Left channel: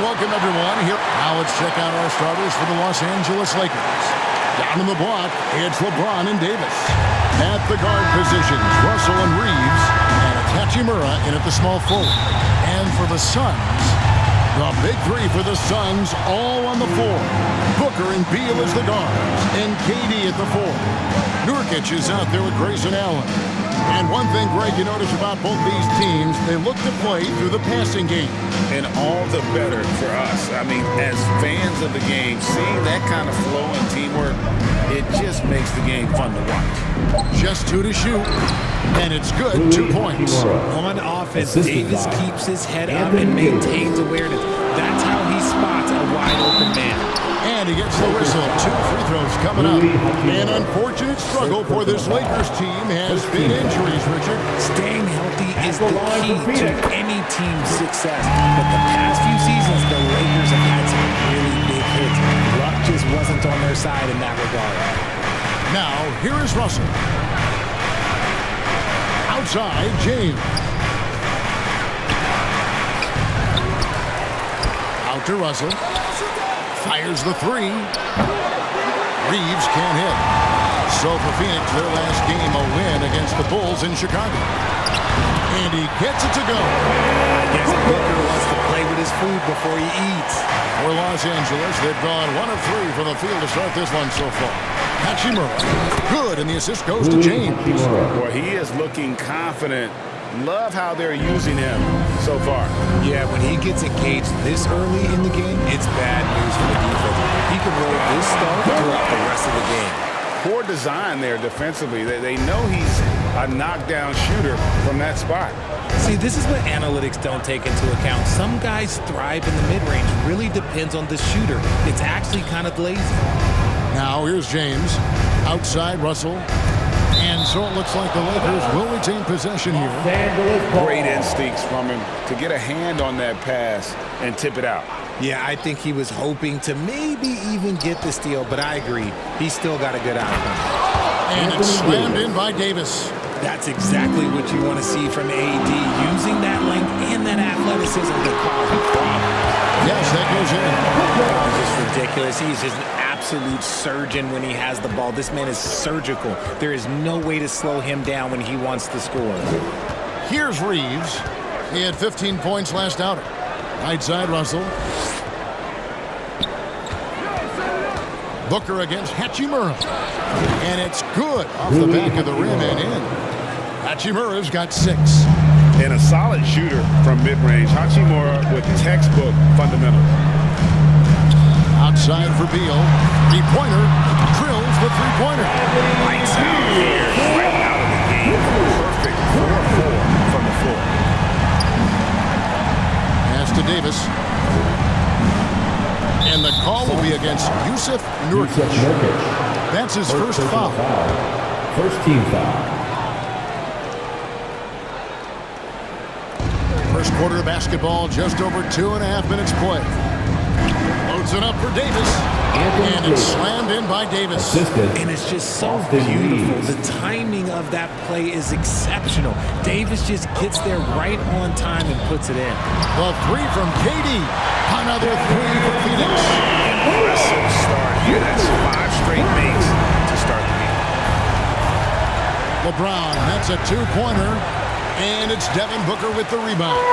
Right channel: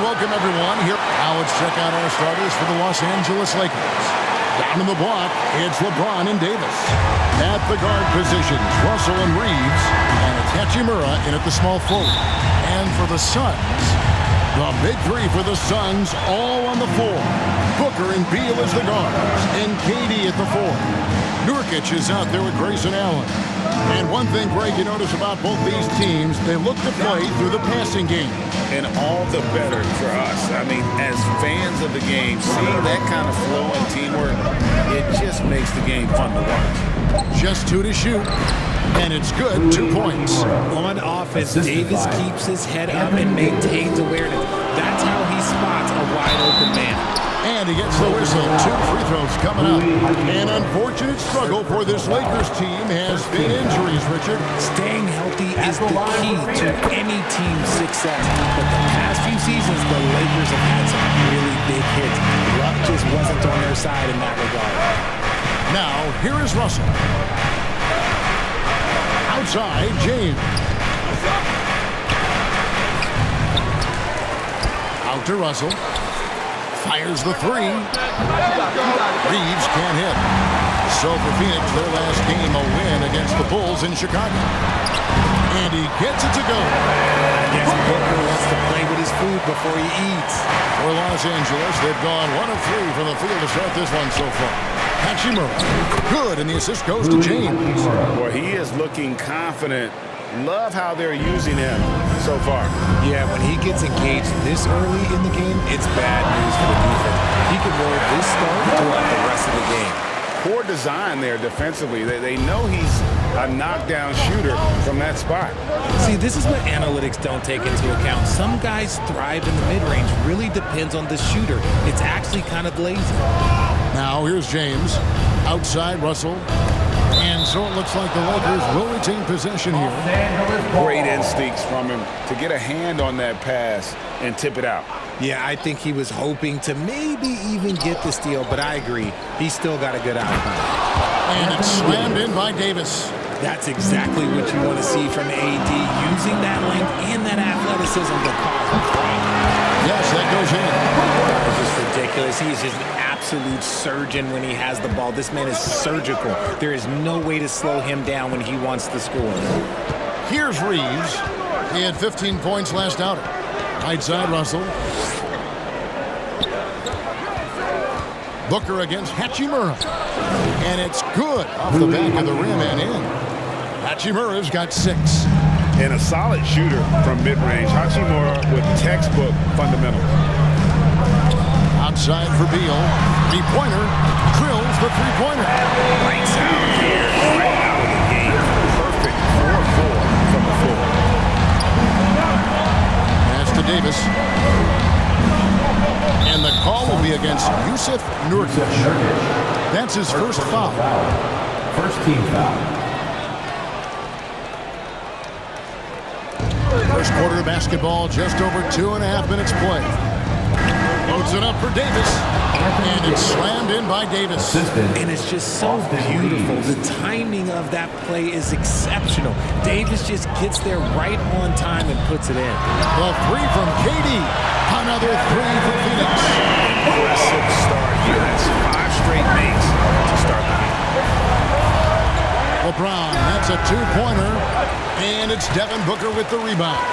welcome everyone here. Now let's check out our starters for the Los Angeles Lakers. Down in the block, it's LeBron and Davis. At the guard positions, Russell and Reeves, and it's Hachimura in at the small forward. And for the Suns, the big three for the Suns all on the floor. Booker and Beal as the guards, and KD at the four. Nurkic is out there with Grayson Allen. And one thing, Greg, you notice about both these teams, they look to play through the passing game. And all the better for us. I mean, as fans of the game, seeing that kind of flow and teamwork, it just makes the game fun to watch. Just 2 to shoot, and it's good, 2 points. On offense, Davis keeps his head up and maintains awareness. That's how he spots a wide-open man. And he gets the whistle. 2 free throws coming up. An unfortunate struggle for this Lakers team has been injuries, Richard. Staying healthy is the key to any team's success. But the past few seasons, the Lakers have had some really big hits. Luck just wasn't on their side in that regard. Now, here is Russell. Outside, James. Out to Russell. Fires the three. Reeves can't hit. So for Phoenix, their last game, a win against the Bulls in Chicago. And he gets it to go. I guess Booker wants to play with his food before he eats. For Los Angeles, they've gone 1 of 3 from the field to start this one so far. Hachimura, good, and the assist goes to James. Boy, he is looking confident. Love how they're using him so far. Yeah, when he gets engaged this early in the game, it's bad news for the defense. He can roll this start throughout the rest of the game. Poor design there defensively. They know he's a knockdown shooter from that spot. See, this is what analytics don't take into account. Some guys thrive in the mid-range. Really depends on the shooter. It's actually kind of lazy. Now here's James. Outside Russell. And so it looks like the Lakers will retain possession here. Great instincts from him to get a hand on that pass and tip it out. Yeah, I think he was hoping to maybe even get the steal, but I agree. He's still got a good outcome. And it's slammed in by Davis. That's exactly what you want to see from AD, using that length and that athleticism to cause problems. Yes, that goes in. That is just ridiculous. He's just an absolute surgeon when he has the ball. This man is surgical. There is no way to slow him down when he wants to score. Here's Reeves. He had 15 points last outing. Right side Russell. Booker against Hachimura. And it's good off the back of the rim and in. Hachimura's got 6. And a solid shooter from mid-range. Hachimura with textbook fundamentals. Outside for Beal. Three-pointer. Drills the three-pointer. Lights out here. Right out of the game. Perfect 4-4 from the floor. Pass to Davis. And the call will be against Jusuf Nurkic. That's his first foul. First team foul. First quarter of basketball, just over 2.5 minutes play. Loads it up for Davis. And it's slammed in by Davis. And it's just so beautiful. The timing of that play is exceptional. Davis just gets there right on time and puts it in. The three from KD. Another 3 for Phoenix. Impressive start here. That's 5 straight makes to start the game. LeBron, that's a 2-pointer. And it's Devin Booker with the rebound.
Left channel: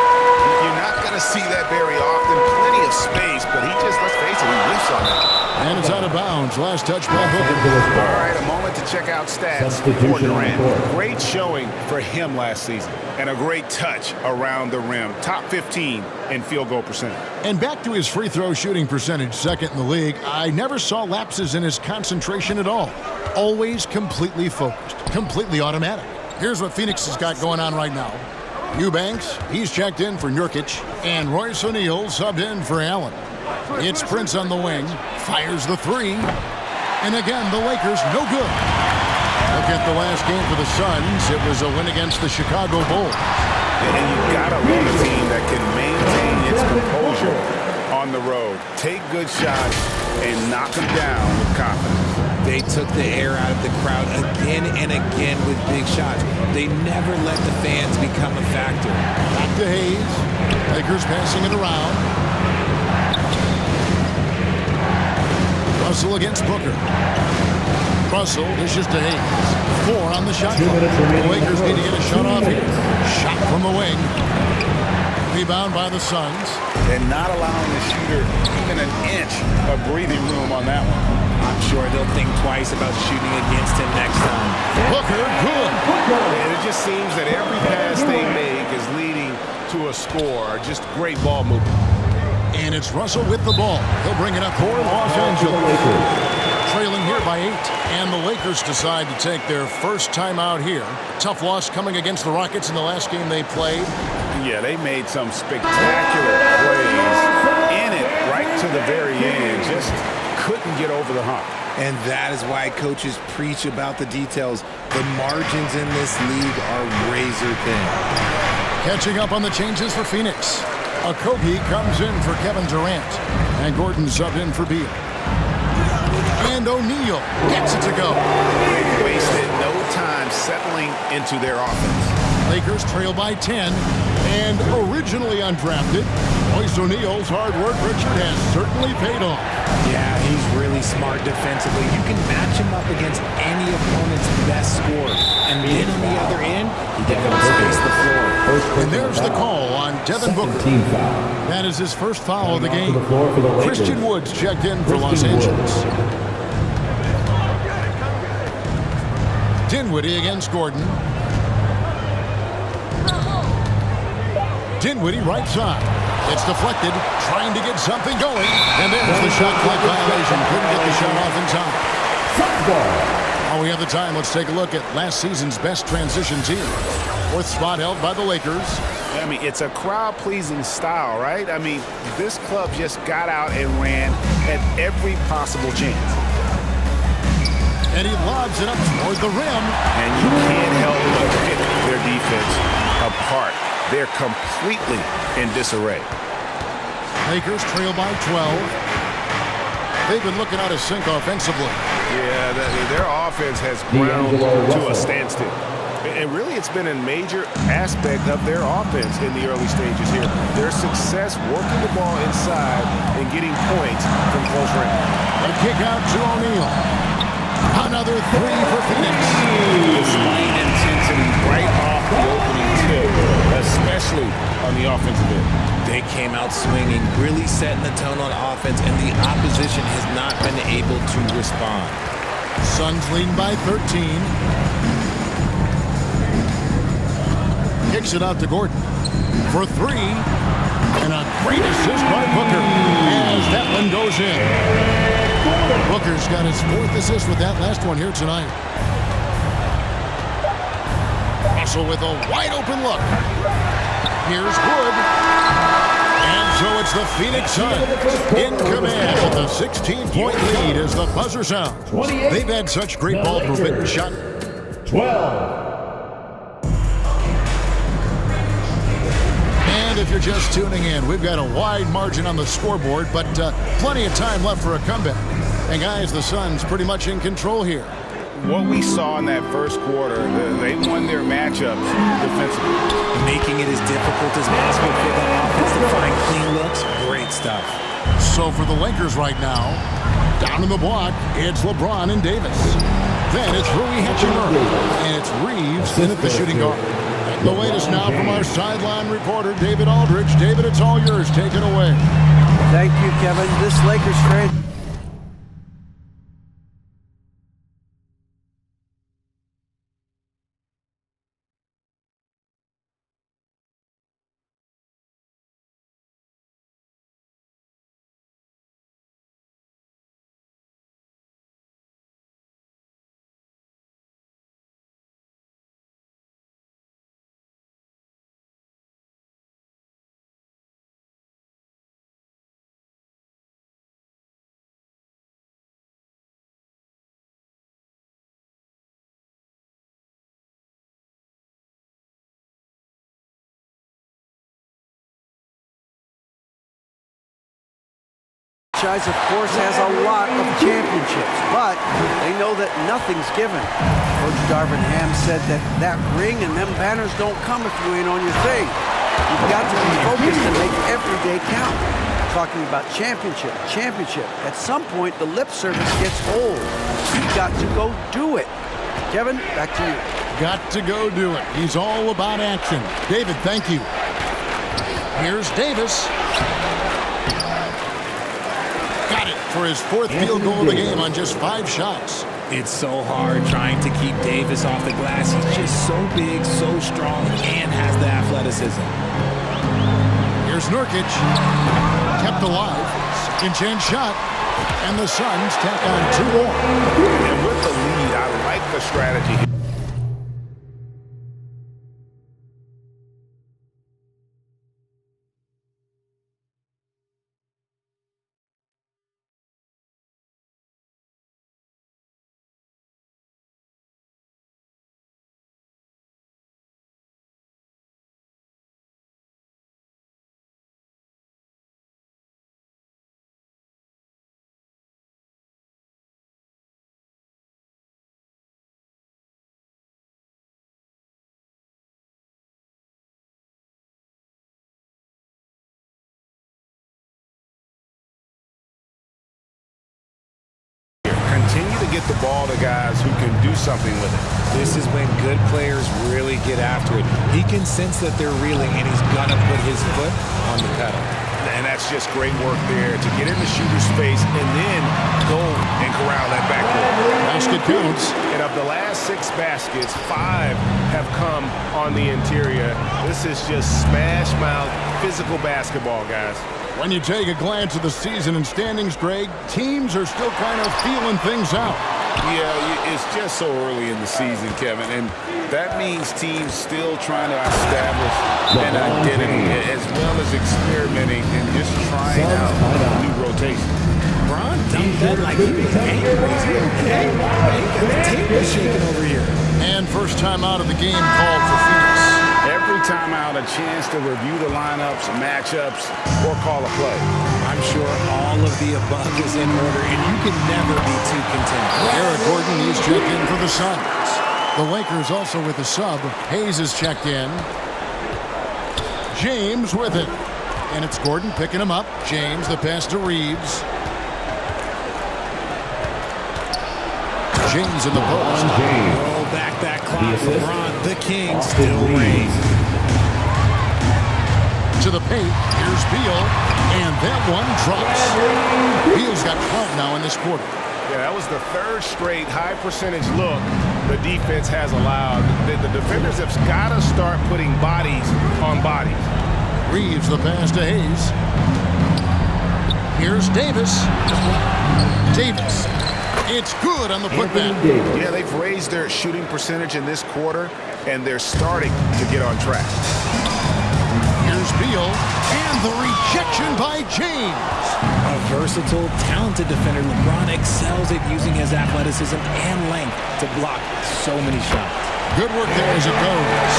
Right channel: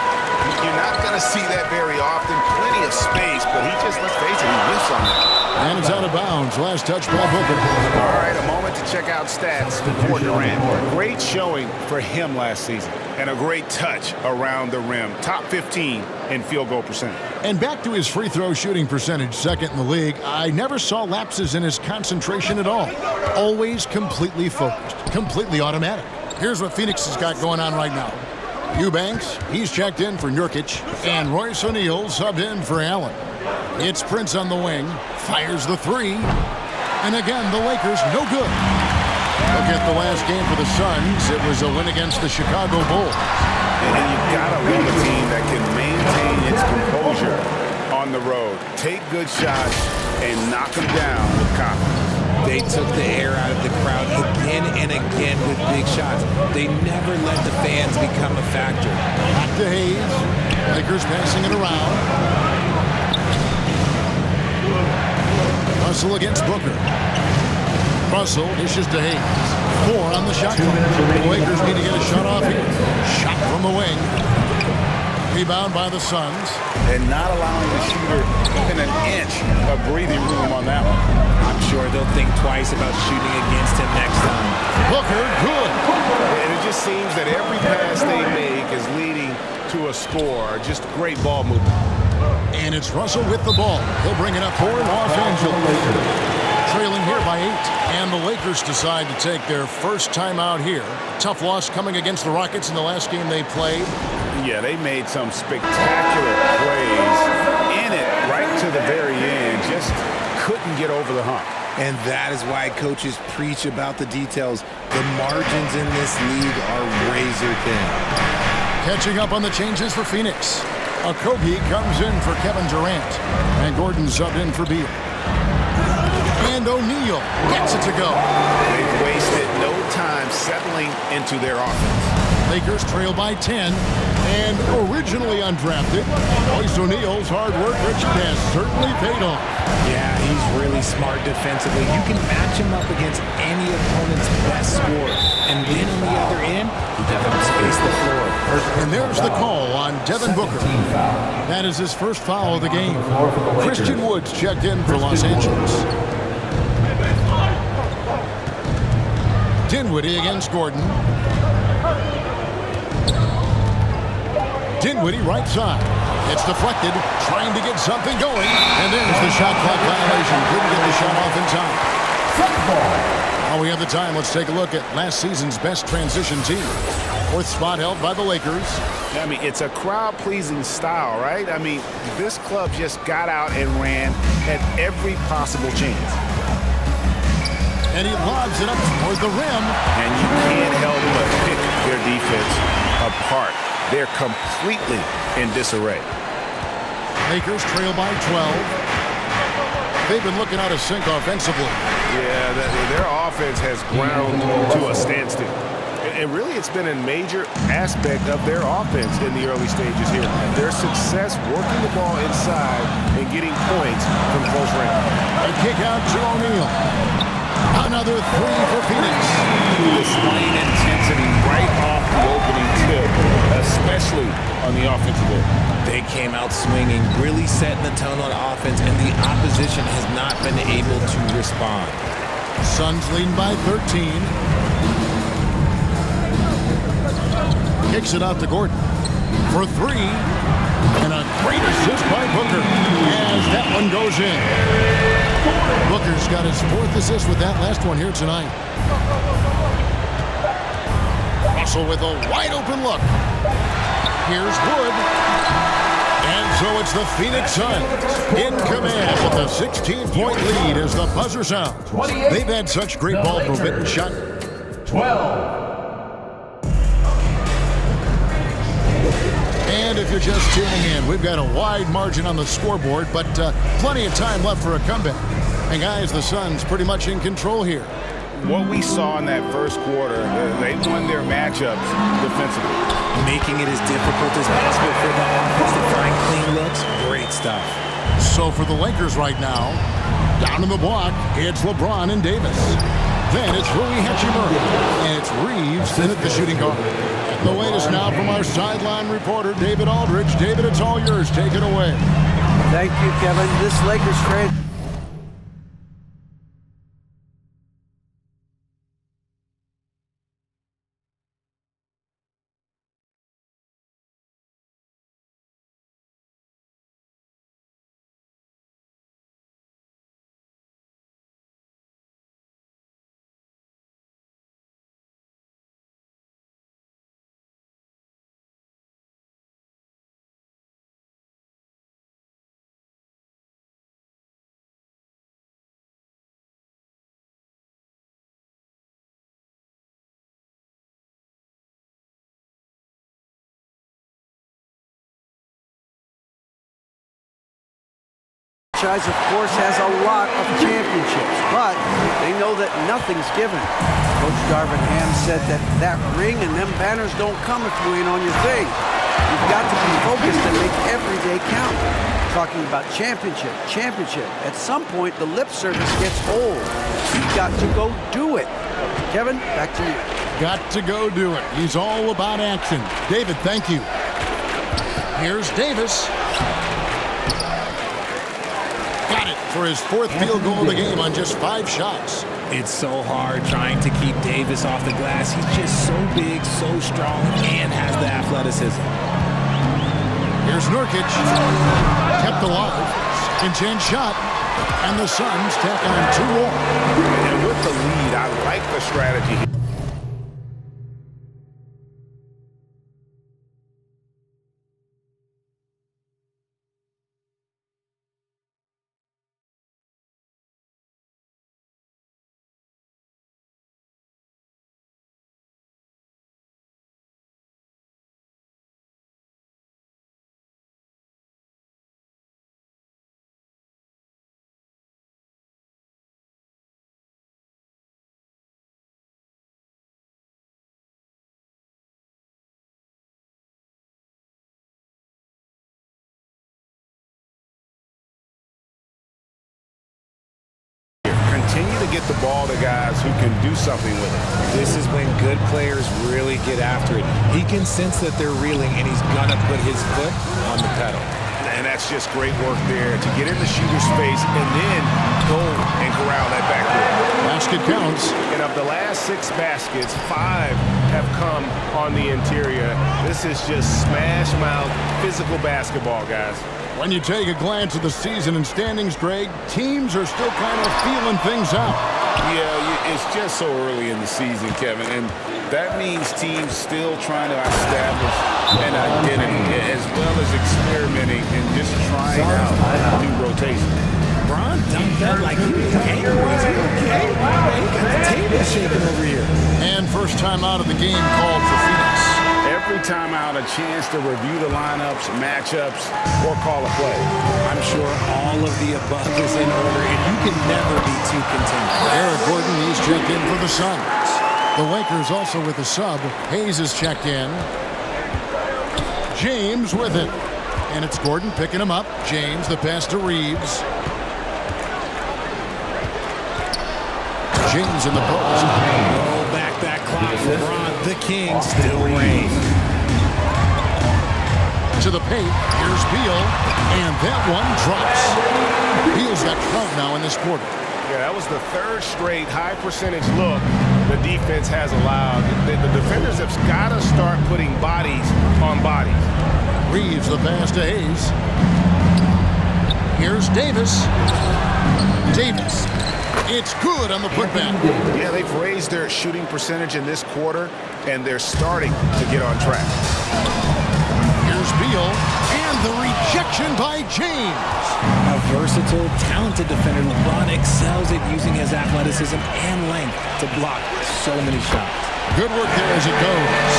You're not going to see that very often. Plenty of space, but he just, let's face it, he whiffs on that. And it's out of bounds. Last touch by Booker. All right, a moment to check out stats for Durant. Great showing for him last season. And a great touch around the rim. Top 15 in field goal percentage. And back to his free throw shooting percentage, second in the league. I never saw lapses in his concentration at all. Always completely focused. Completely automatic. Here's what Phoenix has got going on right now. Eubanks, he's checked in for Nurkic, and Royce O'Neal subbed in for Allen. It's Prince on the wing, fires the 3, and again, the Lakers no good. Look at the last game for the Suns. It was a win against the Chicago Bulls. And you gotta love a team that can maintain its composure on the road. Take good shots and knock them down with confidence. They took the air out of the crowd again and again with big shots. They never let the fans become a factor. Back to Hayes. Lakers passing it around. Russell against Booker. Russell dishes to Hayes. 4 on the shot clock. The Lakers need to get a shot off here. Shot from the wing. Rebound by the Suns. And not allowing the shooter even an inch of breathing room on that one. I'm sure they'll think twice about shooting against him next time. Booker, good. And it just seems that every pass they make is leading to a score. Just great ball movement. And it's Russell with the ball. He'll bring it up for Los Angeles. Trailing here by 8. And the Lakers decide to take their first timeout here. A tough loss coming against the Rockets in the last game they played. Yeah, they made some spectacular plays in it right to the very end. Just couldn't get over the hump. And that is why coaches preach about the details. The margins in this league are razor thin. Catching up on the changes for Phoenix. Okogie comes in for Kevin Durant. And Gordon subbed in for Beal. And O'Neal gets it to go. They've wasted no time settling into their offense. Lakers trail by 10. And originally undrafted, Royce O'Neal's hard work, Richard, has certainly paid off. Yeah, he's really smart defensively. You can match him up against any opponent's best scorer. And then on the other end, he can help space the floor. And there's the call on Devin Booker. Team foul. That is his first foul of the game. The floor for the Lakers. Christian Woods checked in for Los Angeles. Dinwiddie against Gordon. Dinwiddie right side. It's deflected, trying to get something going. And there's the shot clock violation. Couldn't get the shot off in time. While we have the time, let's take a look at last season's best transition team. 4th spot held by the Lakers. I mean, it's a crowd-pleasing style, right? I mean, this club just got out and ran at every possible chance. And he lobs it up toward the rim. And you can't help but pick their defense apart. They're completely in disarray. Lakers trail by 12. They've been looking out of sync offensively. Yeah, their offense has ground to a standstill. And really, it's been a major aspect of their offense in the early stages here. Their success working the ball inside and getting points from close range. A kick out to O'Neal. Another 3 for Phoenix. Displaying intensity right off the opening tip, especially on the offensive end. They came out swinging, really setting the tone on offense, and the opposition has not been able to respond. Suns leading by 13. Kicks it out to Gordon for 3. And a great assist by Booker as that one goes in. Booker's got his 4th assist with that last one here tonight. Russell with a wide open look. Here's Wood. And so it's the Phoenix Suns in command with a 16-point lead as the buzzer sounds. They've had such great ball movement and shot. 12. And if you're just tuning in, we've got a wide margin on the scoreboard, but plenty of time left for a comeback. And guys, the Suns pretty much in control here. What we saw in that first quarter, they won their matchups defensively. Making it as difficult as possible for the offense to find clean looks. Great stuff. So for the Lakers right now, down in the block, it's LeBron and Davis. Then it's Rui Hachimura, and it's Reeves in at the shooting guard. And the latest now from our sideline reporter, David Aldridge. David, it's all yours. Take it away. Thank you, Kevin. This Lakers franchise. Of course, has a lot of championships, but they know that nothing's given. Coach Darvin Ham said that ring and them banners don't come if you ain't on your thing. You've got to be focused and make every day count. talking about championship. At some point, the lip service gets old. You've got to go do it. Kevin, back to you. Got to go do it. He's all about action. David, thank you. Here's Davis. Got it for his 4th field goal of the game on just 5 shots. It's so hard trying to keep Davis off the glass. He's just so big, so strong, and has the athleticism. Here's Nurkic. Kept alive. Second chance shot. And the Suns tack on 2 more. And with the lead, I like the strategy here. Continue to get the ball to guys who can do something with it. This is when good players really get after it. He can sense that they're reeling, and he's going to put his foot on the pedal. And that's just great work there to get in the shooter's face and then go and corral that backboard. Basket counts. And of the last 6 baskets, 5 have come on the interior. This is just smash mouth physical basketball, guys. When you take a glance at the season and standings, Greg, teams are still kind of feeling things out. Yeah, it's just so early in the season, Kevin, and that means teams still trying to establish an identity as well as experimenting and just trying out new rotations. Bron dunked that like he was angry. Is he okay? Man, he got the table shaking over here. And first time out of the game called for Phoenix. Every time out, a chance to review the lineups, matchups, or call a play. I'm sure all of the above is in order, and you can never be too content. Eric Gordon, he's checked in for the Suns. The Lakers also with a sub. Hayes is checked in. James with it. And it's Gordon picking him up. James, the pass to Reeves. James in the post. Roll back that clock. LeBron, the king, still reigns. To the paint. Here's Beal. And that one drops. Beal's got 12 now in this quarter. Yeah, that was the 3rd straight high percentage look the defense has allowed. The defenders have got to start putting bodies on bodies. Reeves the pass to Hayes. Here's Davis. Davis. It's good on the putback. Yeah, they've raised their shooting percentage in this quarter, and they're starting to get on track. Here's Beal, and the rejection by James. A versatile, talented defender, LeBron excels at using his athleticism and length to block so many shots. Good work there as it goes.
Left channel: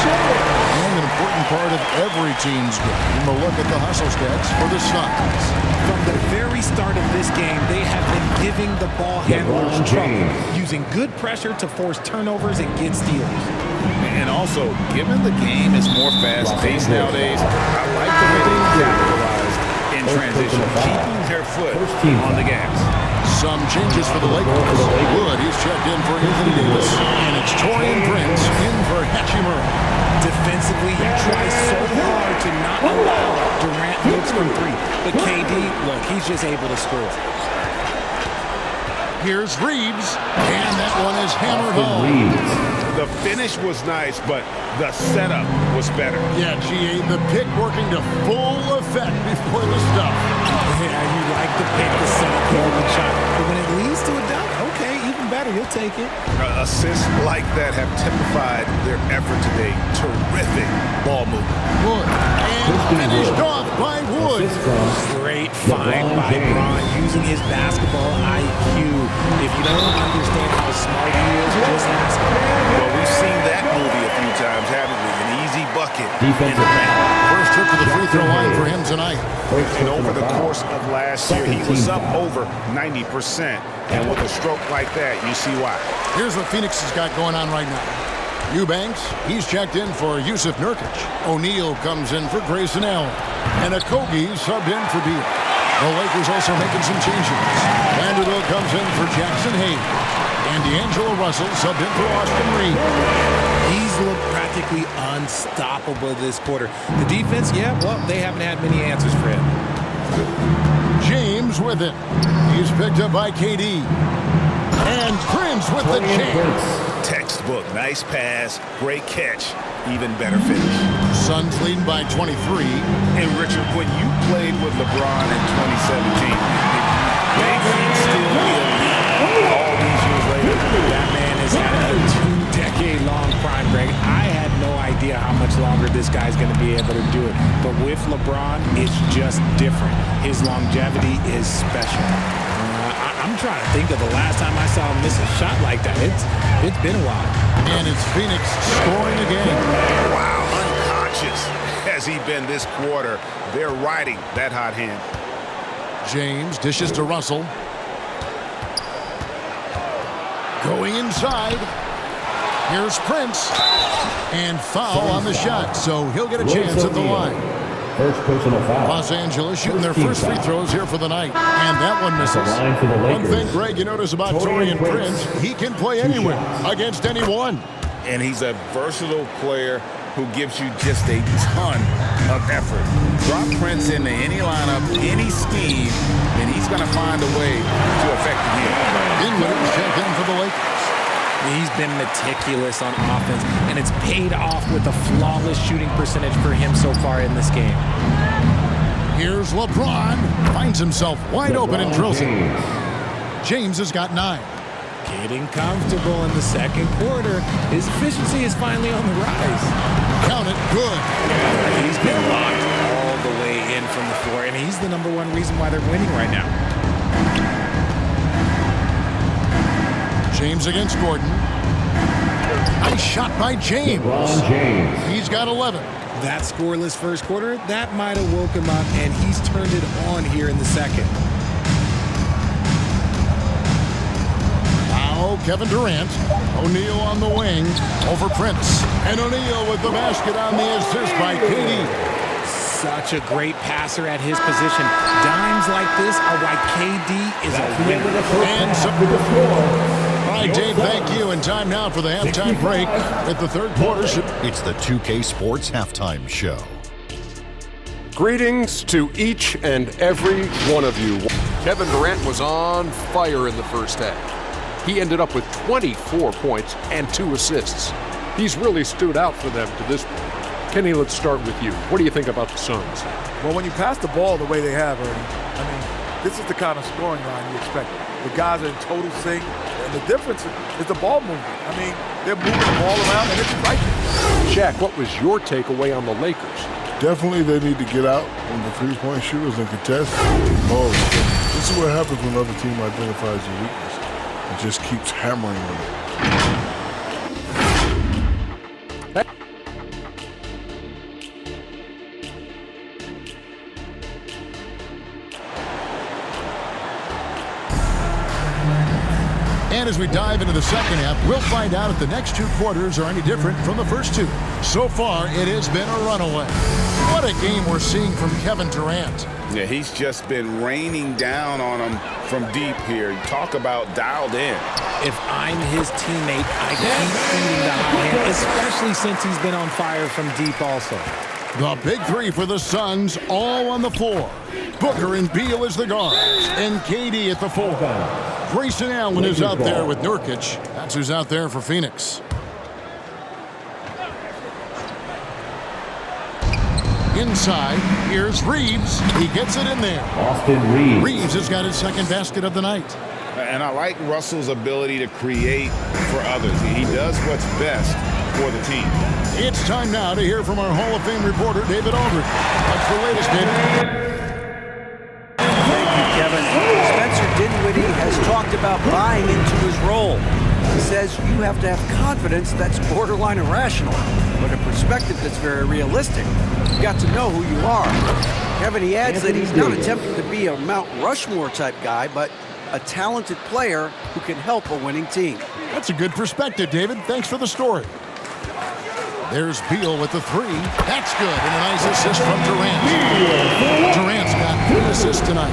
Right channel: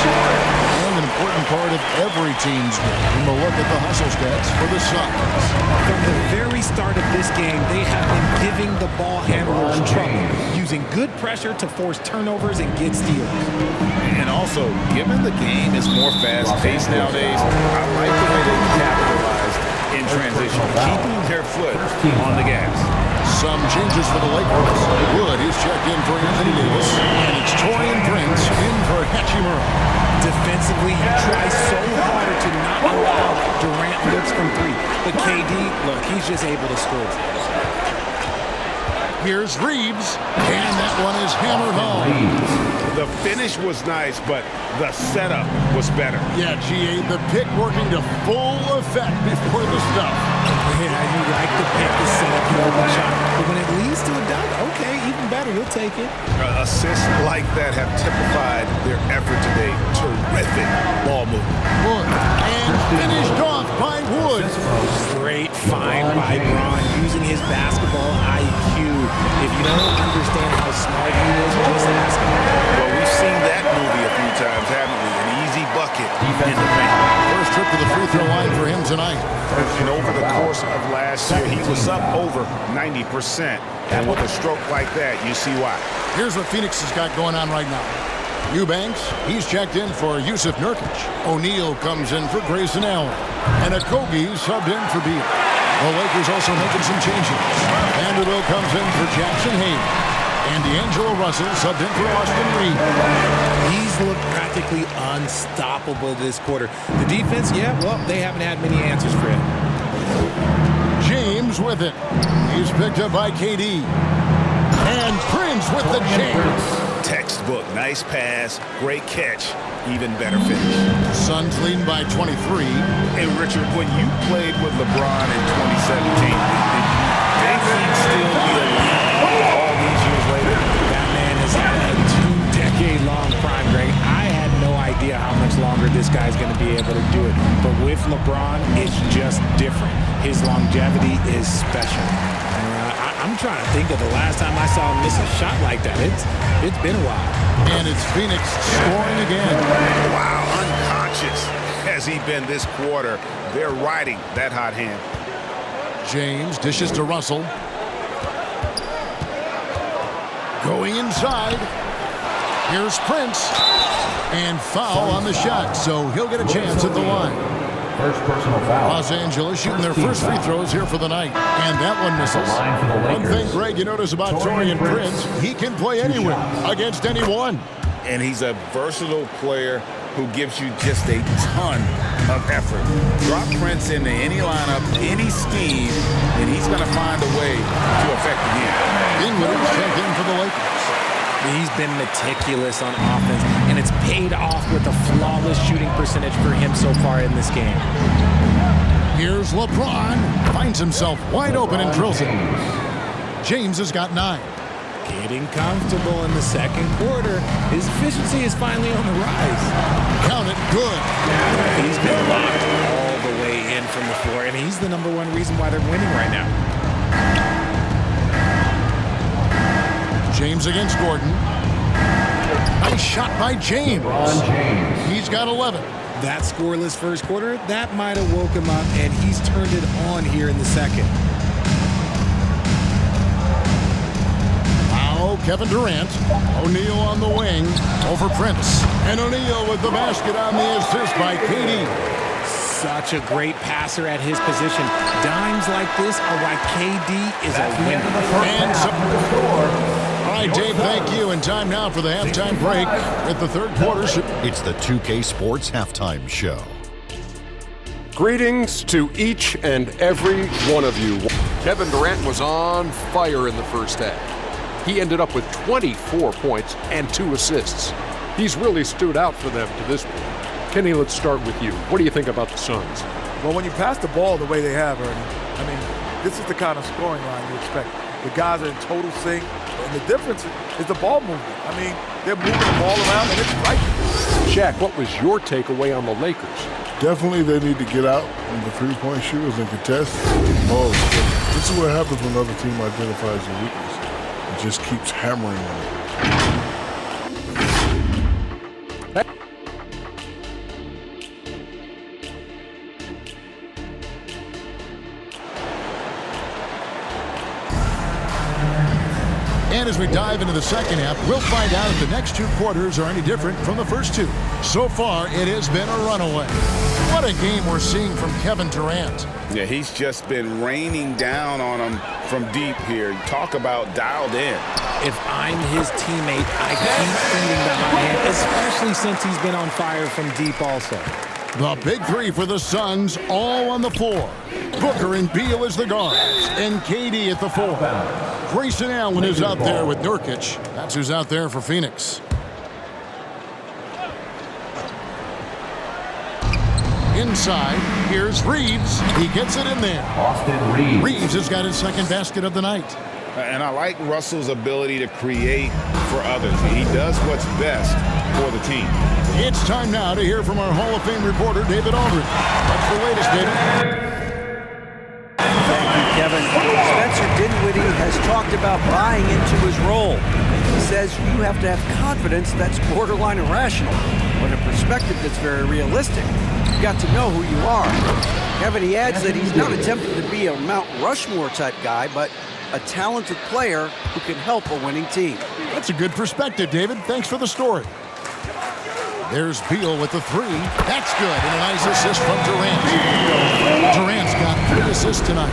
And an important part of every team's game. A look at the hustle stats for the Suns. From the very start of this game, they have been giving the ball handlers trouble, using good pressure to force turnovers and get steals. And also, given the game is more fast-paced nowadays, I like the way they've capitalized in transition, keeping their foot on the gas. Some changes for the Lakers. Wood, he's checked in for Anthony Davis. And it's Taurean Prince in for Hachimura. Defensively, he tries so hard to not allow Durant looks from 3. But KD, look, he's just able to score. Here's Reeves, and that one is hammered home. The finish was nice, but the setup was better. Yeah, GA, the pick working to full effect before the stuff. Yeah, you like the pick, the setup, the open shot. But when it leads to a dunk, okay, even better, you'll take it. Assists like that have typified their effort today. Terrific ball movement. Wood, and finished off by Wood. Great find by Bron using his basketball IQ. If you don't understand how smart he is, just ask him. Well, we've seen that movie a few times, haven't we? An easy bucket in the paint. First trip to the free throw line for him tonight. And over the course of last year, he was up over 90%. And with a stroke like that, you see why. Here's what Phoenix has got going on right now. Eubanks, he's checked in for Yusuf Nurkic. O'Neal comes in for Grayson Allen. And Okogie subbed in for Beal. The Lakers also making some changes. Vanderbilt comes in for Jackson Hayes. And D'Angelo Russell subbed in for Austin Reeves. He's looked practically unstoppable this quarter. The defense, yeah, well, they haven't had many answers for him. James with it. He's picked up by KD. And Prince with the jam. Textbook. Nice pass. Great catch. Even better finish. Suns leading by 23. And Richard, when you played with LeBron in 2017, did you think he'd still be elite all these years later? That man has had a 2-decade-long prime, Greg. I had no idea how much longer this guy's going to be able to do it. But with LeBron, it's just different. His longevity is special. I'm trying to think of the last time I saw him miss a shot like that. It's been a while. And it's Phoenix scoring again. Wow, unconscious has he been this quarter. They're riding that hot hand. James dishes to Russell. Going inside. Here's Prince. And foul on the shot, so he'll get a chance at the line. First personal foul. Los Angeles shooting their first free throws here for the night. And that one misses. One thing, Greg, you notice about Taurean Prince, he can play anywhere against anyone. And he's a versatile player who gives you just a ton of effort. Drop Prince into any lineup, any scheme, and he's going to find a way to affect the game. Dinwiddie's checked in for the Lakers. He's been meticulous on offense, and it's paid off with a flawless shooting percentage for him so far in this game. Here's LeBron. Finds himself wide open and drills it. James has got 9. Getting comfortable in the second quarter. His efficiency is finally on the rise. Count it. Good. He's been locked all the way in from the floor, and he's the #1 reason why they're winning right now. James against Gordon. Nice shot by James. LeBron James. He's got 11. That scoreless first quarter, that might have woke him up, and he's turned it on here in the second. Now Kevin Durant. O'Neal on the wing. Over Prince. And O'Neal with the basket on the assist by KD. Such a great passer at his position. Dimes like this are why KD is a winner. And so, all right, Dave, thank you. And time now for the halftime break with the third quarter. It's the 2K Sports Halftime Show. Greetings to each and every one of you. Kevin Durant was on fire in the first half. He ended up with 24 points and 2 assists. He's really stood out for them to this point. Kenny, let's start with you. What do you think about the Suns? Well, when you pass the ball the way they have, Ernie, I mean, this is the kind of scoring line you expect. The guys are in total sync, and the difference is the ball movement. I mean, they're moving the ball around, and it's striking. Shaq, what was your takeaway on the Lakers? Definitely they need to get out on the three-point shooters and contest balls. This is what happens when another team identifies your weakness and just keeps hammering on it. And as we dive into the second half, we'll find out if the next 2 quarters are any different from the first 2. So far, it has been a runaway. What a game we're seeing from Kevin Durant. Yeah, he's just been raining down on him from deep here. You talk about dialed in. If I'm his teammate, I keep feeding the hot hand, especially since he's been on fire from deep also. The big 3 for the Suns, all on the floor. Booker and Beal as the guards, and KD at the 4. Grayson Allen is out there with Nurkic. That's who's out there for Phoenix. Inside, here's Reeves. He gets it in there. Austin Reeves. Reeves has got his second basket of the night. And I like Russell's ability to create for others. He does what's best for the team. It's time now to hear from our Hall of Fame reporter, David Aldridge. What's the latest, David? Thank you, Kevin. Spencer Dinwiddie has talked about buying into his role. He says you have to have confidence that's borderline irrational, but a perspective that's very realistic. You've got to know who you are. Kevin, he adds that he's not attempting to be a Mount Rushmore type guy, but a talented player who can help a winning team. That's a good perspective, David. Thanks for the story. There's Beal with the three. That's good, and a nice assist from Durant. Durant's got 3 assists tonight.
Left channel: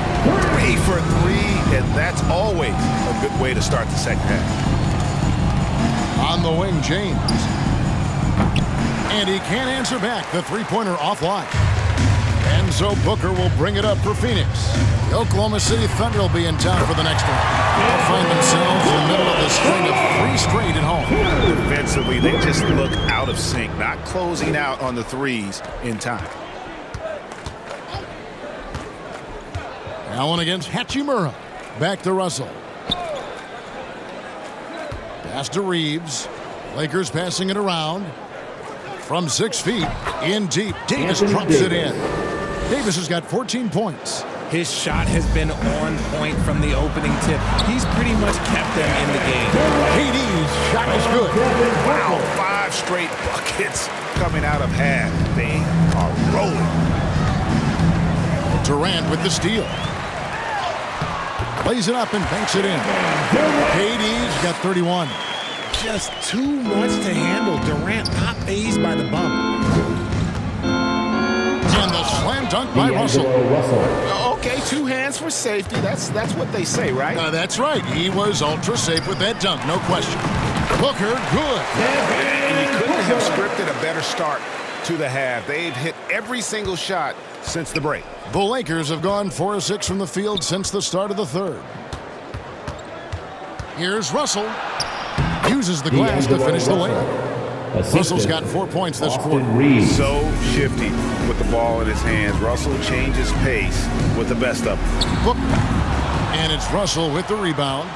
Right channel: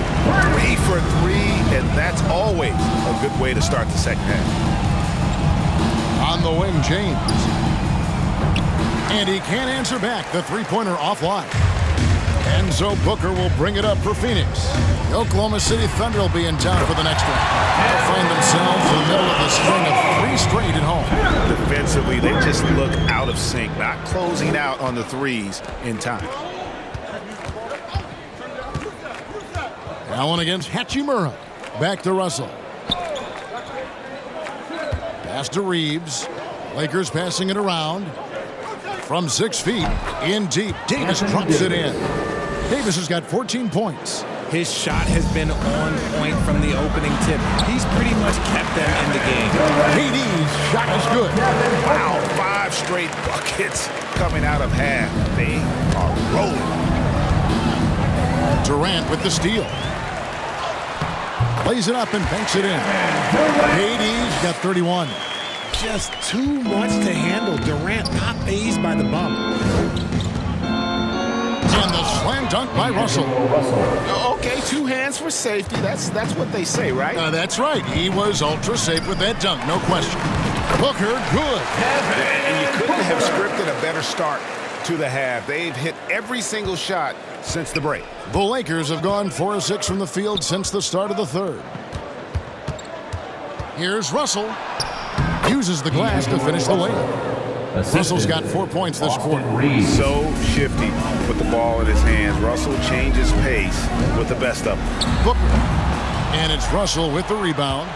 3 for 3, and that's always a good way to start the second half. On the wing, James. And he can't answer back. The three-pointer offline. Enzo Booker will bring it up for Phoenix. The Oklahoma City Thunder will be in town for the next round. They'll find themselves in the middle of the string of 3 straight at home. Defensively, they just look out of sync, not closing out on the threes in time. Allen against Hachimura. Back to Russell. Pass to Reeves. Lakers passing it around. From 6 feet, in deep. Davis drops it in. Davis has got 14 points. His shot has been on point from the opening tip. He's pretty much kept them in the game. KD's shot is good. Wow, 5 straight buckets coming out of half. They are rolling. Durant with the steal. Lays it up and banks it in. KD's got 31. Just too much to handle. Durant not fazed by the bump. And the slam dunk by Russell. Okay, 2 hands for safety. That's what they say, right? That's right. He was ultra safe with that dunk, no question. Booker, good. And you couldn't have scripted a better start to the half. They've hit every single shot since the break. The Lakers have gone 4 of 6 from the field since the start of the third. Here's Russell. Uses the glass to finish the layup. Russell's got 4 points this quarter. So shifty with the ball in his hands. Russell changes pace with the best of them. Booker. And it's Russell with the rebound.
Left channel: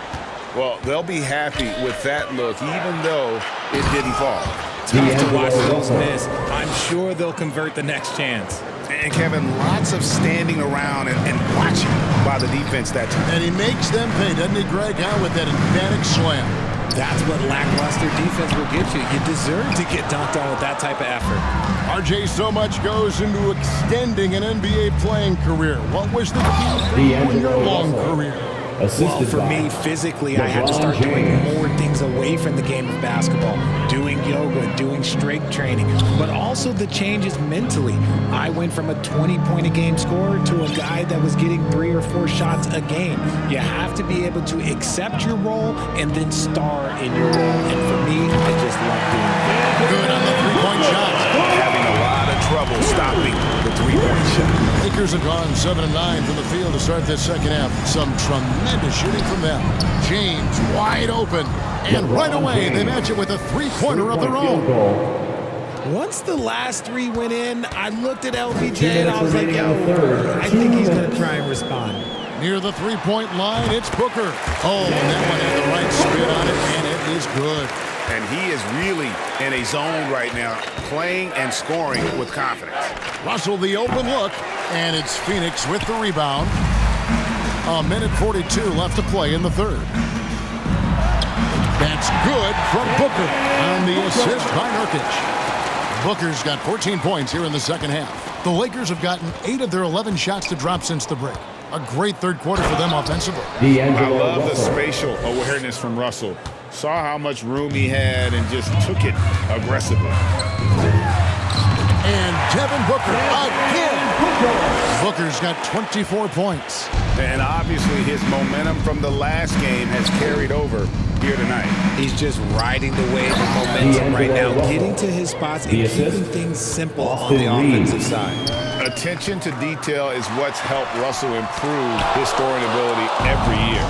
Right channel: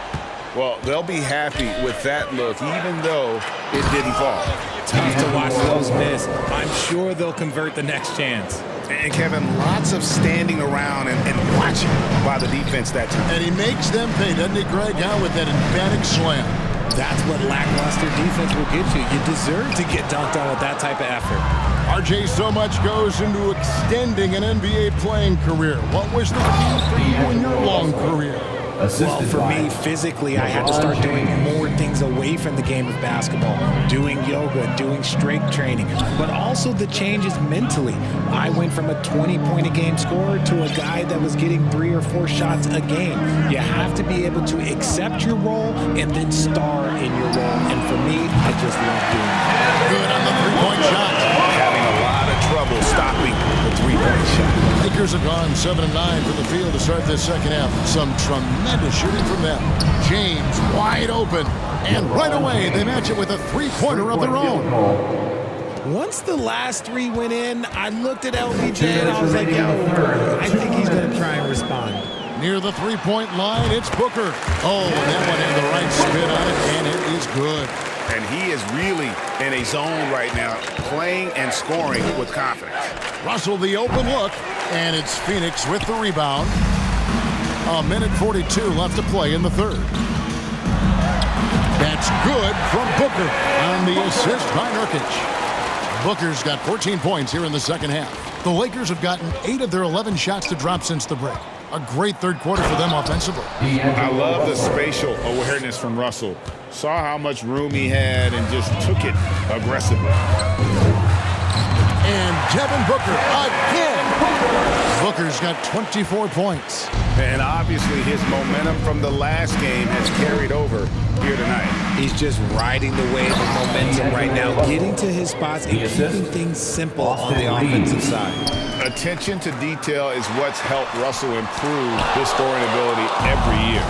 Well, they'll be happy with that look, even though it didn't fall. Tough to watch those miss. I'm sure they'll convert the next chance. And Kevin, lots of standing around and watching by the defense that time. And he makes them pay, doesn't he, Greg? How with that emphatic slam. That's what lackluster defense will get you. You deserve to get dunked on with that type of effort. RJ, so much goes into extending an NBA playing career. What was the key for you in your long career? Well, for me, physically, I had to start doing more things away from the game of basketball, doing yoga, doing strength training, but also the changes mentally. I went from a 20-point-a-game scorer to a guy that was getting 3 or 4 shots a game. You have to be able to accept your role and then star in your role. And for me, I just love doing that. Good on the three-point shot. Having a lot of trouble stopping the three-point shot. Lakers have gone 7 of 9 from the field to start this second half. Some tremendous shooting from them. James wide open. And right away, they match it with a three-pointer of their own. Once the last 3 went in, I looked at LBJ and I was like, yo, I think he's going to try and respond. Near the three-point line, it's Booker. Oh, and that one had the right spin on it, and it is good. And he is really in a zone right now, playing and scoring with confidence. Russell the open look, and it's Phoenix with the rebound. A minute 42 left to play in the third. That's good from Booker on the assist by Nurkic. Booker's got 14 points here in the second half. The Lakers have gotten 8 of their 11 shots to drop since the break. A great third quarter for them offensively. I love the spatial awareness from Russell. Saw how much room he had and just took it aggressively. And Devin Booker again. Booker's got 24 points. And obviously his momentum from the last game has carried over here tonight. He's just riding the wave of momentum right now, getting to his spots and keeping things simple on the offensive side. Attention to detail is what's helped Russell improve his scoring ability every year.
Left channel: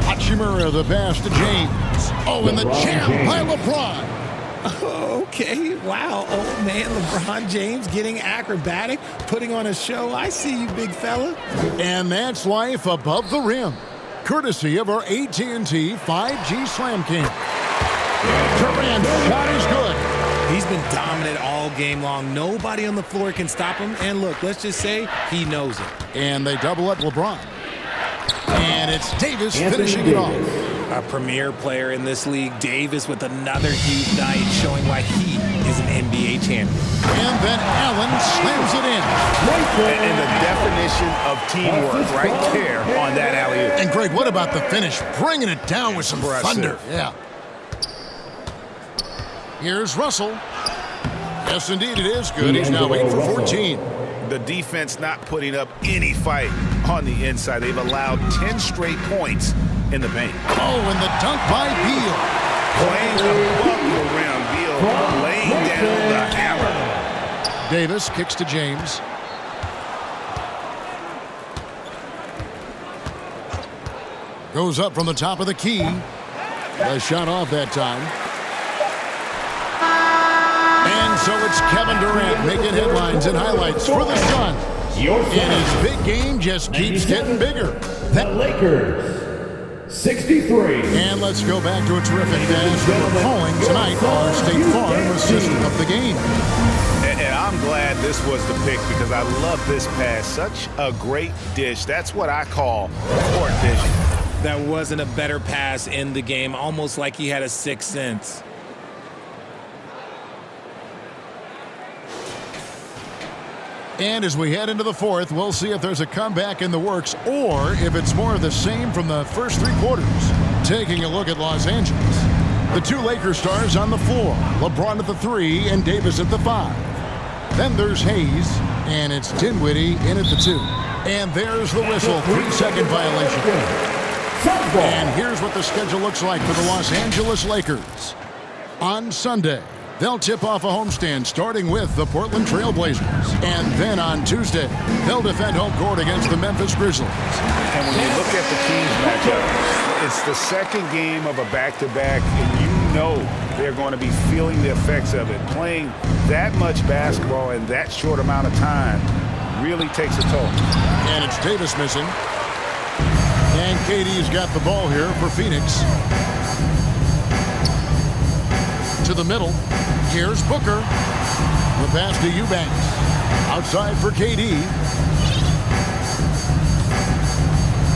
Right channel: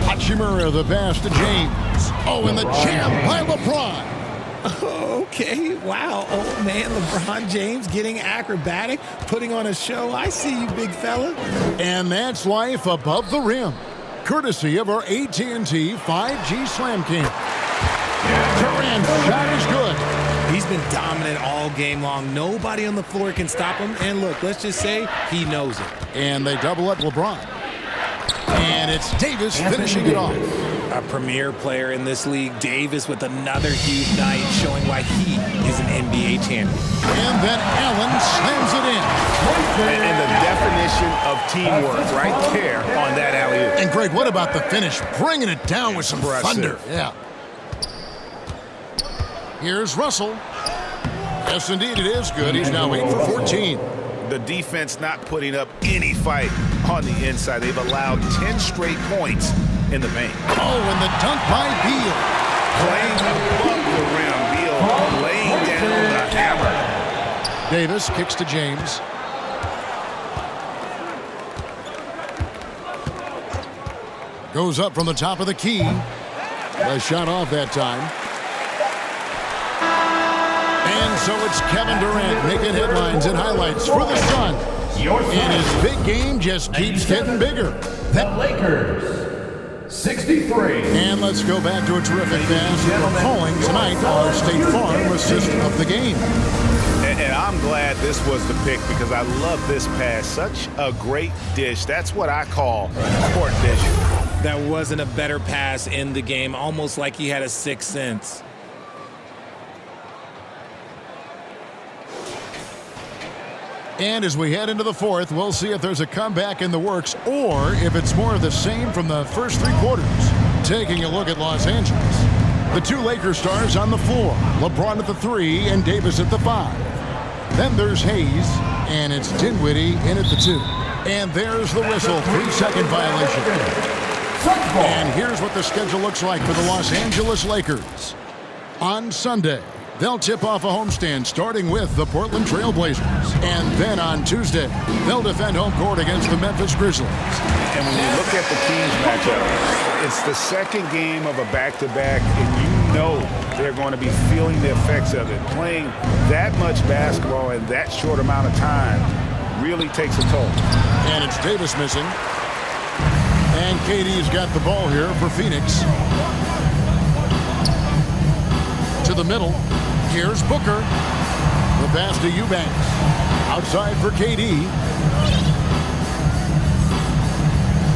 Hachimura the pass to James. Oh, and the jam by LeBron. Okay, wow. Old man LeBron James getting acrobatic, putting on a show. I see you, big fella. And that's life above the rim. Courtesy of our AT&T 5G Slam King. Durant's shot is good. He's been dominant all game long. Nobody on the floor can stop him. And look, let's just say he knows it. And they double up LeBron. And it's Davis finishing it off. A premier player in this league, Davis, with another huge night, showing why he is an NBA champion. And then Allen slams it in. And the definition of teamwork right there on that alley-oop. And Greg, what about the finish? Bringing it down with some thunder. Yeah. Here's Russell. Yes, indeed, it is good. He's now 8 for 14. The defense not putting up any fight on the inside. They've allowed 10 straight points in the paint. Oh, and the dunk by Beal. Playing above the rim. Beal laying down the hammer. Davis kicks to James. Goes up from the top of the key. The shot off that time. And so it's Kevin Durant making headlines and highlights for the Suns. And his big game just keeps getting bigger. The Lakers, 63. And let's go back to a terrific pass that we're calling tonight our State Farm assist of the game. And I'm glad this was the pick because I love this pass. Such a great dish. That's what I call court vision. That wasn't a better pass in the game, almost like he had a sixth sense. And as we head into the fourth, we'll see if there's a comeback in the works or if it's more of the same from the first three quarters. Taking a look at Los Angeles. The two Lakers stars on the floor. LeBron at the 3 and Davis at the 5. Then there's Hayes, and it's Dinwiddie in at the 2. And there's the whistle, 3-second violation. And here's what the schedule looks like for the Los Angeles Lakers. On Sunday, they'll tip off a homestand starting with the Portland Trail Blazers. And then on Tuesday, they'll defend home court against the Memphis Grizzlies. And when you look at the Kings matchup, it's the second game of a back-to-back, and you know they're going to be feeling the effects of it. Playing that much basketball in that short amount of time really takes a toll. And it's Davis missing. And KD's got the ball here for Phoenix. To the middle. Here's Booker. The pass to Eubanks. Outside for KD.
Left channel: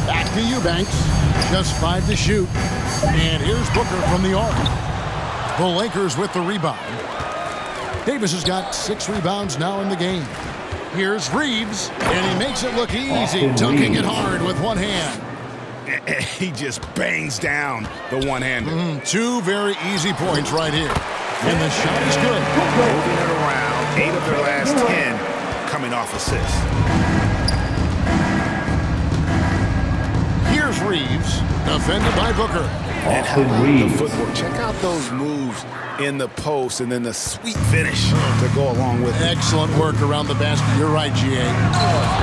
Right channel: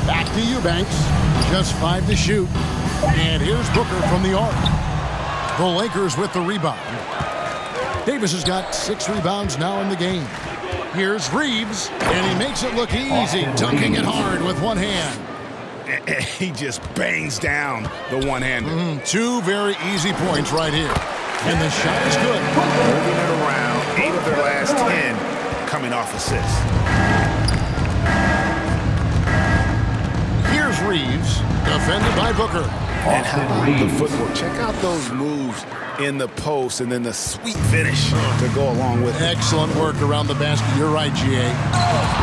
Back to Eubanks. Just 5 to shoot. And here's Booker from the arc. The Lakers with the rebound. Davis has got 6 rebounds now in the game. Here's Reeves. And he makes it look easy, dunking it hard with one hand. He just bangs down the one-hander. 2 very easy points right here. And the shot is good. Moving it around, 8 of their last 10 coming off assists. Here's Reeves, defended by Booker. And how about the footwork? Check out those moves in the post and then the sweet finish to go along with it. Excellent work around the basket. You're right, G.A.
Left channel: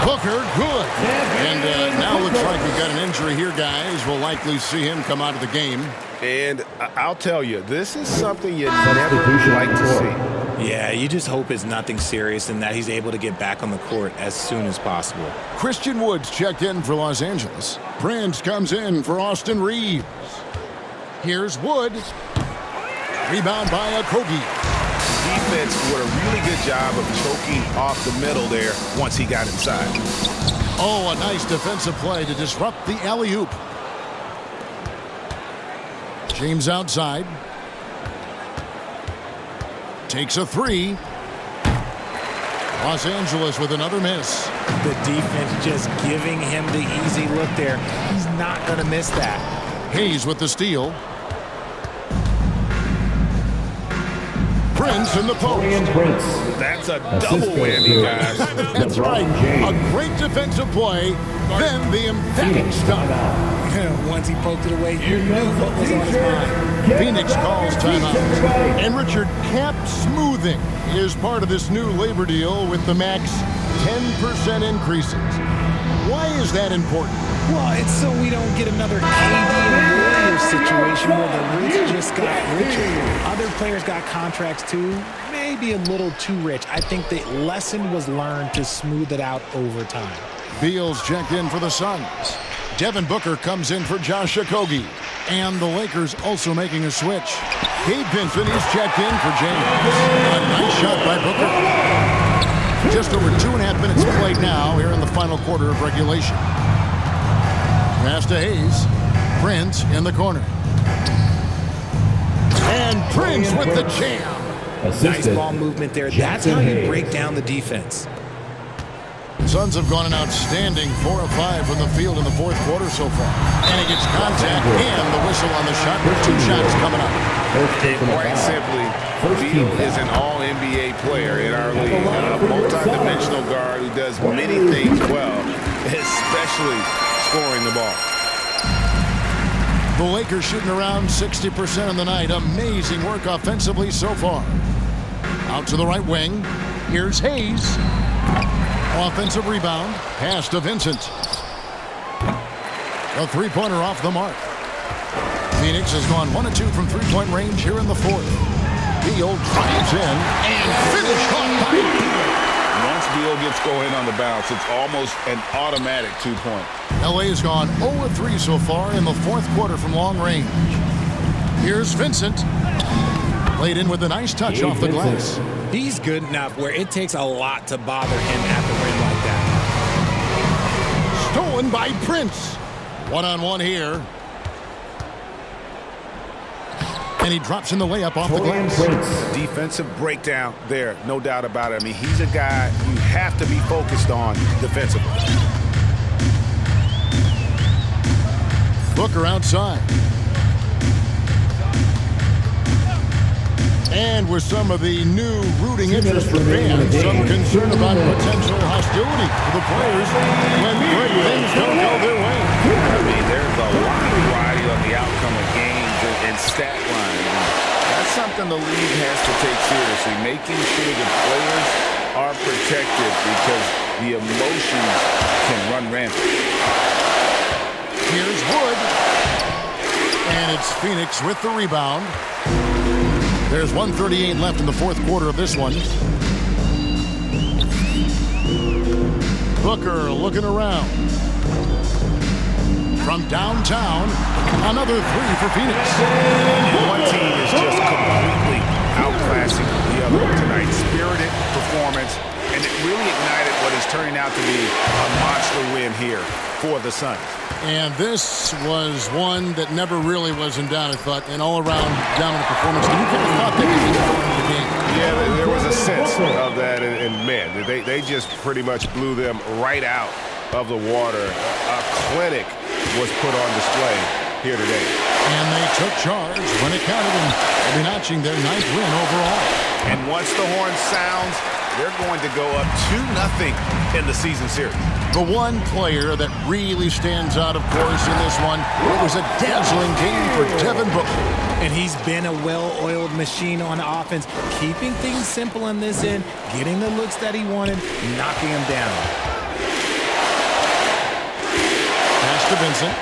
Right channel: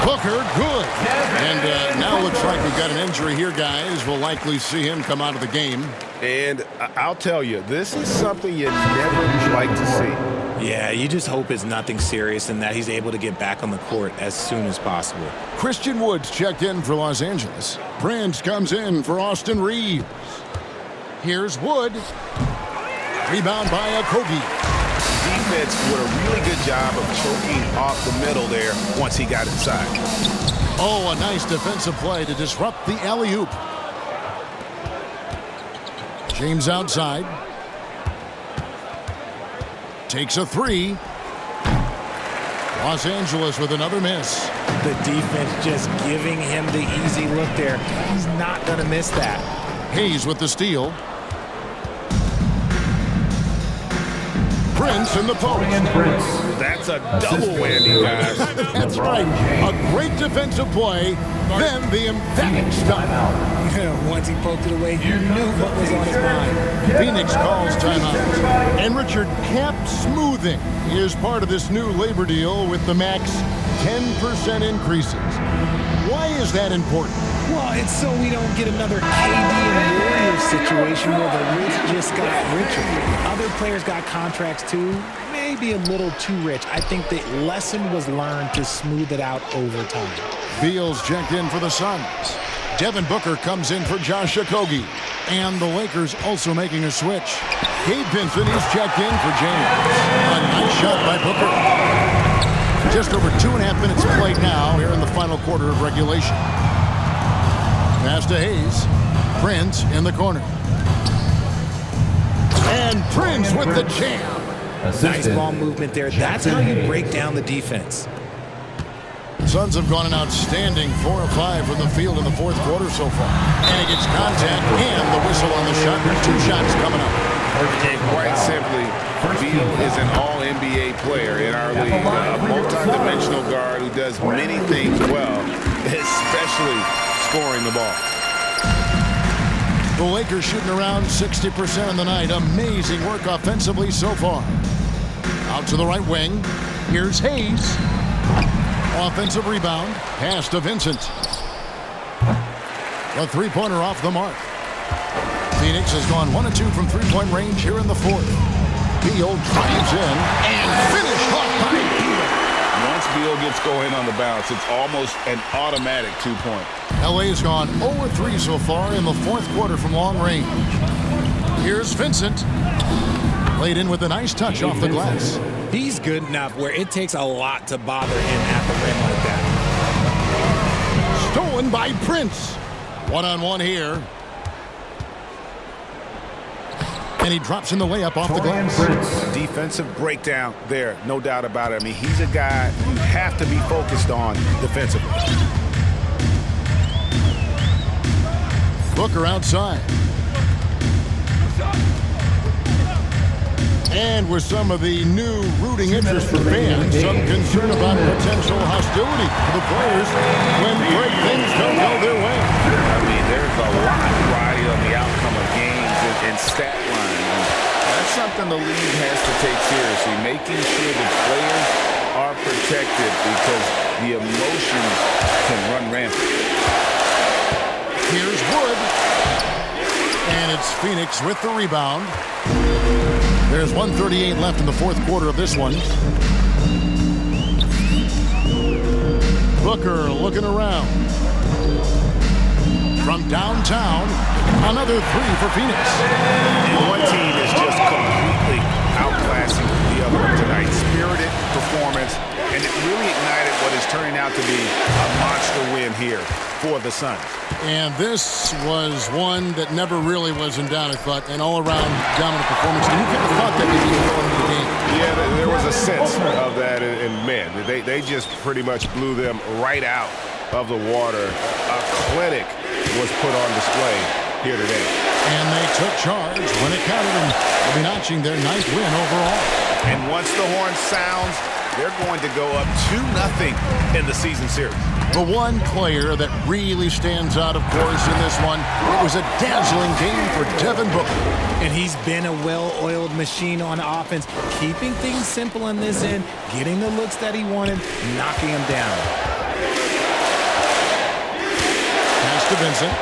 Booker, good. And now looks like we've got an injury here, guys. We'll likely see him come out of the game. And I'll tell you, this is something you never like to see. Yeah, you just hope it's nothing serious and that he's able to get back on the court as soon as possible. Christian Woods checked in for Los Angeles. Prince comes in for Austin Reeves. Here's Wood. Rebound by Okogie. Defense did a really good job of choking off the middle there once he got inside. Oh, a nice defensive play to disrupt the alley-oop. James outside. Takes a 3. Los Angeles with another miss. The defense just giving him the easy look there. He's not going to miss that. Hayes with the steal. Prince in the post. That's a double whammy, guys. That's right. A great defensive play, then the emphatic stop. Once he poked it away, you knew what was on his mind. Phoenix calls timeout. And Richard, cap smoothing is part of this new labor deal with the max 10% increases. Why is that important? Well, it's so we don't get another KD and Warriors situation where the rich just got richer. Other players got contracts too, maybe a little too rich. I think the lesson was learned to smooth it out over time. Beal's checked in for the Suns. Devin Booker comes in for Josh Okogie. And the Lakers also making a switch. Gabe Vincent is checked in for James. A nice shot by Booker. Just over 2.5 minutes played now here in the final quarter of regulation. Pass to Hayes. Prince in the corner. And Prince with the jam. Nice ball movement there. That's how you break down the defense. Suns have gone an outstanding 4 of 5 from the field in the fourth quarter so far. And he gets contact and the whistle on the shot. 2 shots coming up. And quite simply, Beal is an all-NBA player in our league, a multi-dimensional guard who does many things well, especially scoring the ball. The Lakers shooting around 60% on the night. Amazing work offensively so far. Out to the right wing. Here's Hayes. Offensive rebound. Pass to Vincent. A three-pointer off the mark. Phoenix has gone 1 of 2 from three-point range here in the fourth. Beal drives in and finished off by Beal. Once Beal gets going on the bounce, it's almost an automatic 2-point. LA has gone 0 of 3 so far in the fourth quarter from long range. Here's Vincent. Laid in with a nice touch off the glass. He's good enough where it takes a lot to bother him at the rim like that. Stolen by Prince. One-on-one here. And he drops in the layup off the glass. A defensive breakdown there, no doubt about it. I mean, he's a guy you have to be focused on defensively. Booker outside. And with some of the new rooting interest for fans, some concern about potential hostility for the players when great things don't go their way. I mean, there's a lot of variety on the outcome of games and stat lines. And that's something the league has to take seriously, making sure the players are protected because the emotions can run rampant. Here's Wood. And it's Phoenix with the rebound. There's 1:38 left in the fourth quarter of this one. Booker looking around. From downtown, another three for Phoenix. And one team is just completely outclassing the other one tonight. Spirited performance, and it really ignited what is turning out to be a monster win here for the Suns. And this was one that never really was in doubt, I thought, an all-around dominant performance. And you kind of thought that could be going into the game. Yeah, there was a sense of that, and man, they just pretty much blew them right out of the water. A clinic was put on display here today. And they took charge when it counted, and they'll be notching their 9th win overall. And once the horn sounds, they're going to go up 2-0 in the season series. The one player that really stands out, of course, in this one, it was a dazzling game for Devin Booker. And he's been a well-oiled machine on offense, keeping things simple on this end, getting the looks that he wanted, knocking them down. Pass to Vincent.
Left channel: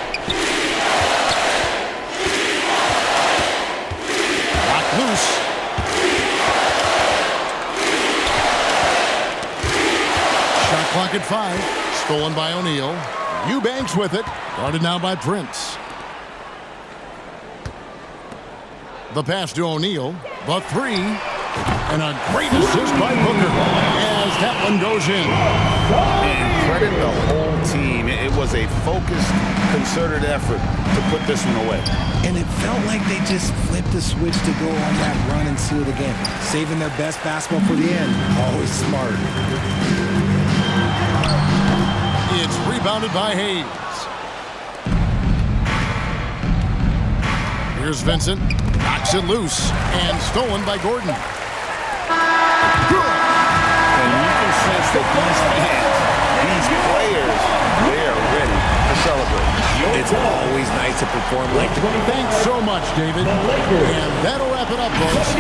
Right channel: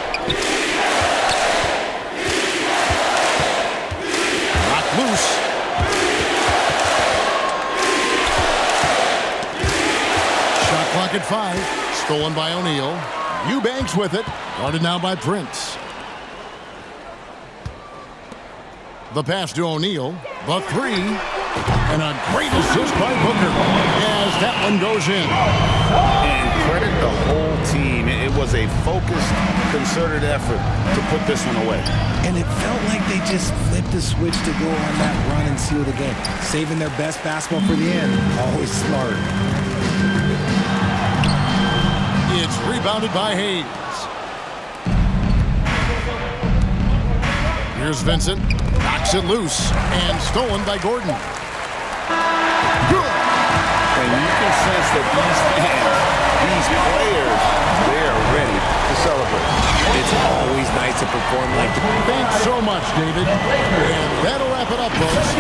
Knocked loose. Shot clock at 5. Stolen by O'Neal. Eubanks with it. Guarded now by Prince. The pass to O'Neal. The three. And a great assist by Booker as that one goes in. And credit the whole team. It was a focused, concerted effort to put this one away. And it felt like they just flipped the switch to go on that run and seal the game. Saving their best basketball for the end. Always smart. It's rebounded by Hayes. Here's Vincent. Knocks it loose. And stolen by Gordon. Good. And you can sense that these fans, these players, they are ready to celebrate. It's always nice to perform like that. Thanks so much, David. And that'll wrap it up, folks.